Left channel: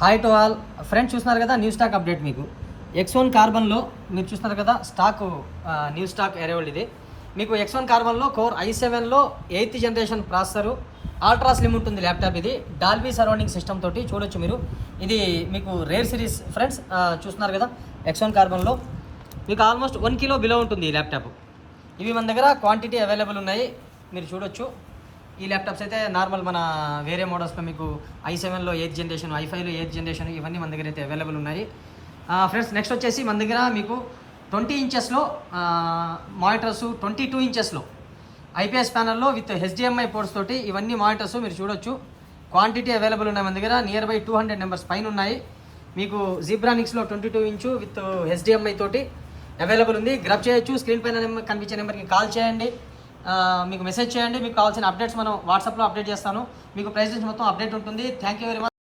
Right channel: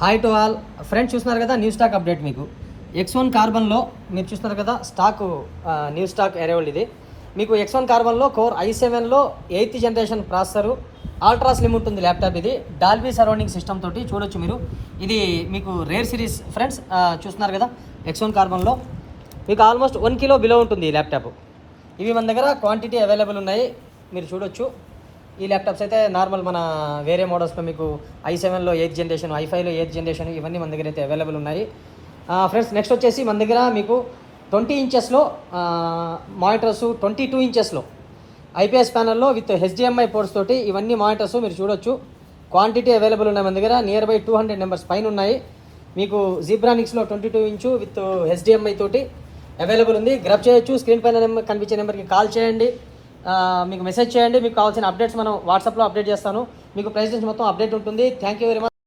Hi to all friends, చూస్తున్నారు కదా new stock update. మీకు X1 కార్బన్లో మీరు చూస్తున్నారు కదా స్టాక్, న్యూ స్టాక్ అరైవల్ ఇది. మీకు X1 కార్బన్లో కోర్ i7లో 8th generation processor, ultra slim ఉంటుంది ల్యాప్టాప్. ఇది డాల్బీ సరౌండింగ్ సిస్టమ్ తోటి చూడొచ్చు మీరు. ఇది మీకు రేర్ సిరీస్ ఫ్రెండ్స్. చూస్తున్నారు కదా X1 కార్బన్లో మీకు ఆల్మోస్ట్ 1 కిలో బిలో ఉంటుంది ఈ ల్యాప్టాప్. ఇవి మన దగ్గర క్వాంటిటీ అవైలబుల్ ఉన్నాయి, మీరు చూడొచ్చు. ఈ ల్యాప్టాప్స్ అయితే నార్మల్ మన వేరే మోడల్స్లో మీకు i7లో 8th జనరేషన్, i5లో 8th జనరేషన్ ఇవన్నీ మన దగ్గర అయితే అవైలబుల్ ఉన్నాయి ఫ్రెండ్స్. నెక్స్ట్ వచ్చేసి మన దగ్గర మీకు 20 ఇంచెస్లో మానిటర్స్, 22 ఇంచెస్లో ఐపీఎస్ ప్యానల్లో విత్ HDMI పోర్ట్స్ తోటి ఇవన్నీ మానిటర్స్ మీరు చూడొచ్చు. క్వాంటిటీ అవైలబుల్ ఉన్నాయి మన దగ్గర. నియర్ బై 200 నెంబర్స్ పైన ఉన్నాయి. మీకు జీబ్రానిక్స్లో 22 ఇంచు విత్ HDMI తోటి అవైలబుల్ ఉంది. గ్రబ్ చేయొచ్చు. స్క్రీన్ పైన కనిపించే నెంబర్కి కాల్ చేయండి, మీకు మెసేజ్ చేయండి. మీకు కావాల్సిన అప్డేట్స్ మనం వాట్సాప్లో అప్డేట్ చేస్తాను. మీకు ప్రైస్ మొత్తం అప్డేట్ ఉంటుంది. Thank you very much.